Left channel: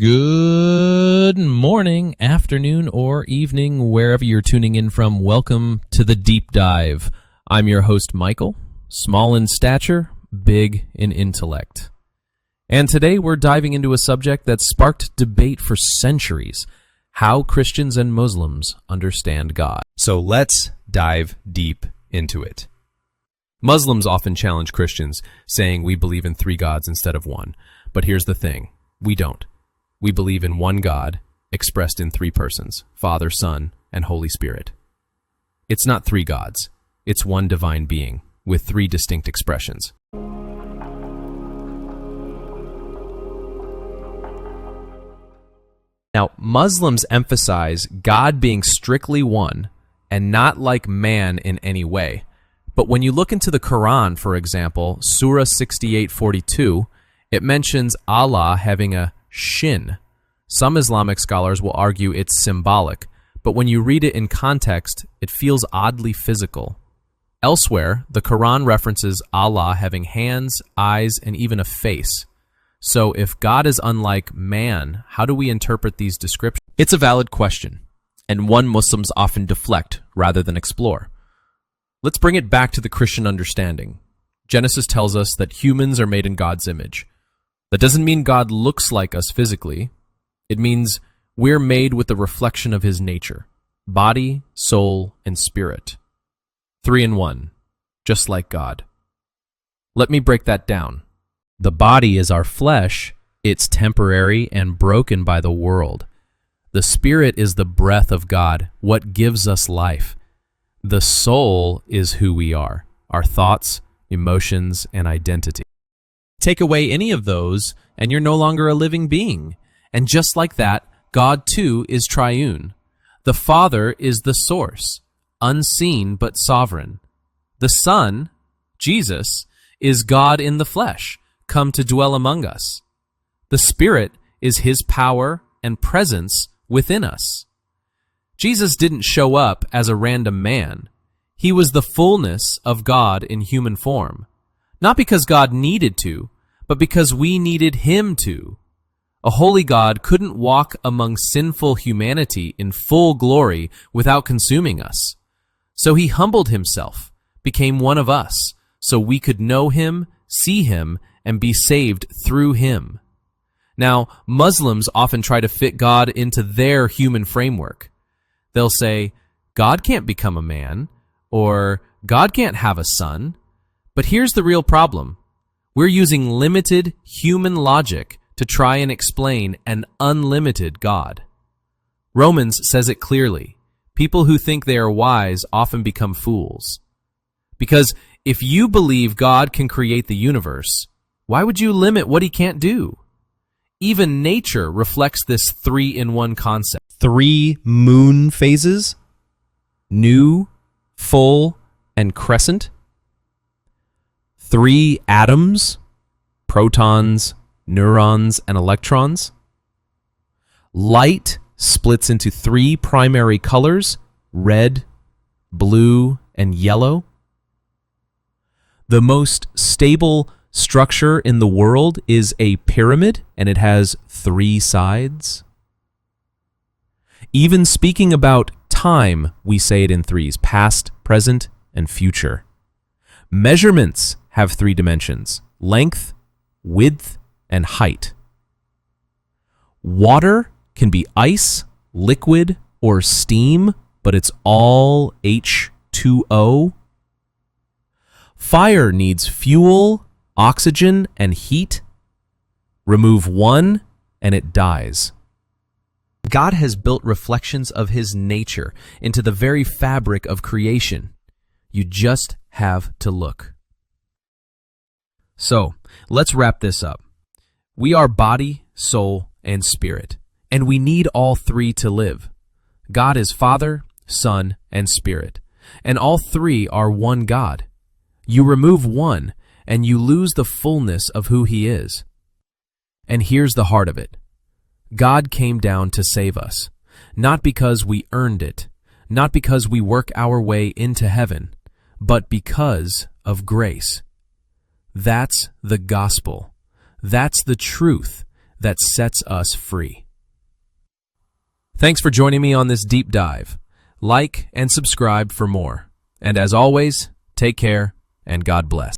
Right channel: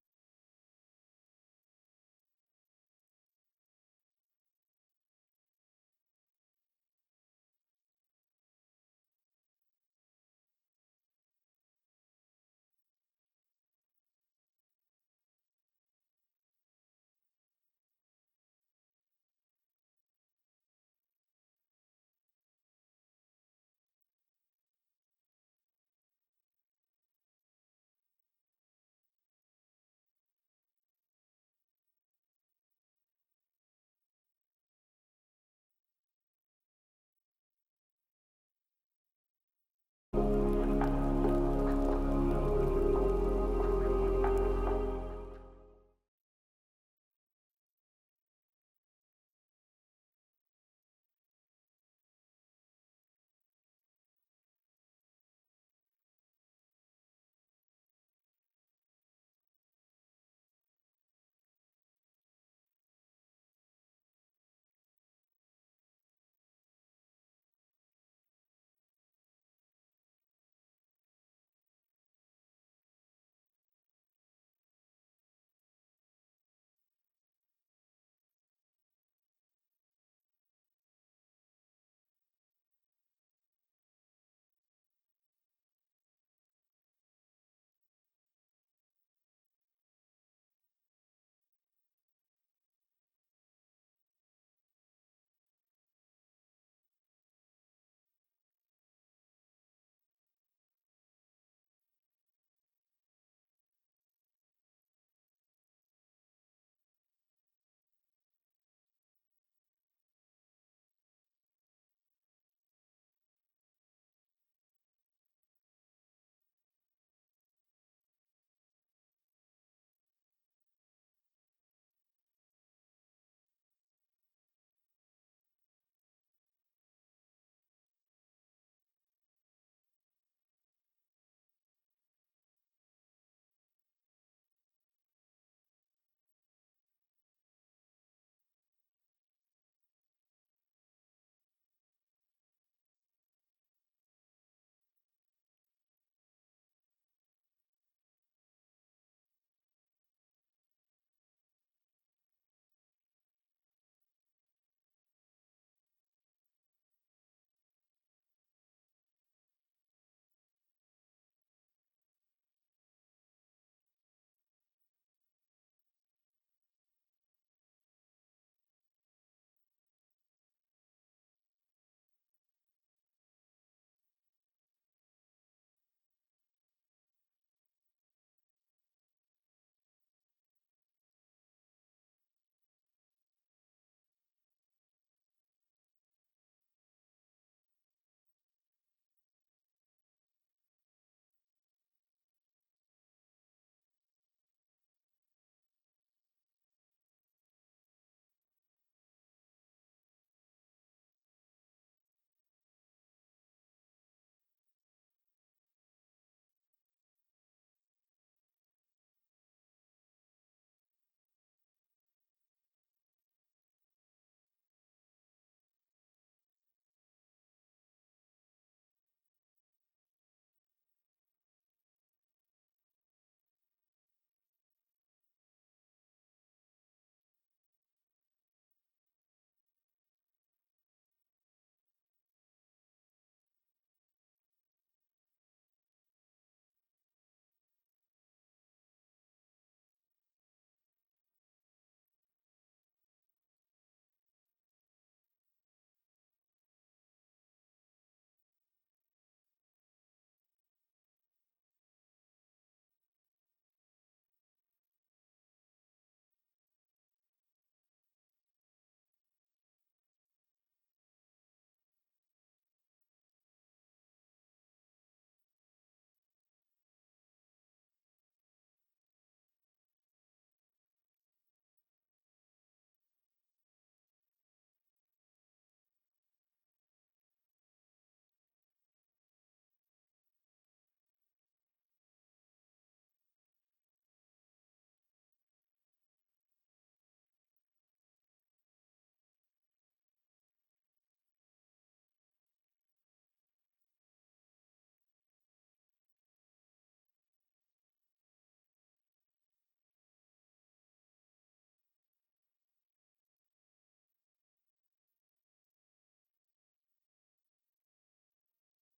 Good morning, afternoon, or evening, wherever you're tuning in from. Welcome to the Deep Dive. I'm your host, Michael, small in stature, big in intellect. And today we're diving into a subject that sparked debate for centuries: how Christians and Muslims understand God. So let's dive deep into it. Muslims often challenge Christians, saying we believe in three gods instead of one. But here's the thing, we don't. We believe in one God, expressed in three persons, Father, Son, and Holy Spirit. It's not three gods. It's one divine being, with three distinct expressions. Now, Muslims emphasize God being strictly one, and not like man in any way. But when you look into the Quran, for example, Surah 68:42, it mentions Allah having a shin. Some Islamic scholars will argue it's symbolic, but when you read it in context, it feels oddly physical. Elsewhere, the Quran references Allah having hands, eyes, and even a face. So if God is unlike man, how do we interpret these descriptions? It's a valid question, and one Muslims often deflect rather than explore. Let's bring it back to the Christian understanding. Genesis tells us that humans are made in God's image. That doesn't mean God looks like us physically. It means we're made with the reflection of his nature, body, soul, and spirit. 3 in 1, just like God. Let me break that down. The body is our flesh. It's temporary and broken by the world. The spirit is the breath of God, what gives us life. The soul is who we are, our thoughts, emotions, and identity. Take away any of those, and you're no longer a living being. And just like that, God too is triune. The Father is the source, unseen but sovereign. The Son, Jesus, is God in the flesh, come to dwell among us. The Spirit is his power and presence within us. Jesus didn't show up as a random man. He was the fullness of God in human form. Not because God needed to, but because we needed him to. A holy God couldn't walk among sinful humanity in full glory without consuming us. So he humbled himself, became one of us, so we could know him, see him, and be saved through him. Now, Muslims often try to fit God into their human framework. They'll say, God can't become a man, or God can't have a son. But here's the real problem. We're using limited human logic to try and explain an unlimited God. Romans says it clearly. People who think they are wise often become fools. Because if you believe God can create the universe, why would you limit what he can't do? Even nature reflects this 3-in-1 concept. 3 moon phases: new, full, and crescent. 3 atoms: protons, neurons, and electrons. Light splits into 3 primary colors: red, blue, and yellow. The most stable structure in the world is a pyramid, and it has 3 sides. Even speaking about time, we say it in 3s: past, present, and future. Measurements have 3 dimensions: length, width, and height. Water can be ice, liquid, or steam, but it's all H2O. Fire needs fuel, oxygen, and heat. Remove one, and it dies. God has built reflections of his nature into the very fabric of creation. You just have to look. So, let's wrap this up. We are body, soul, and spirit, and we need all 3 to live. God is Father, Son, and Spirit, and all 3 are one God. You remove one, and you lose the fullness of who he is. And here's the heart of it. God came down to save us, not because we earned it, not because we work our way into heaven, but because of grace. That's the gospel. That's the truth. that sets us free. Thanks for joining me on this deep dive. Like and subscribe for more. And as always, take care and God bless.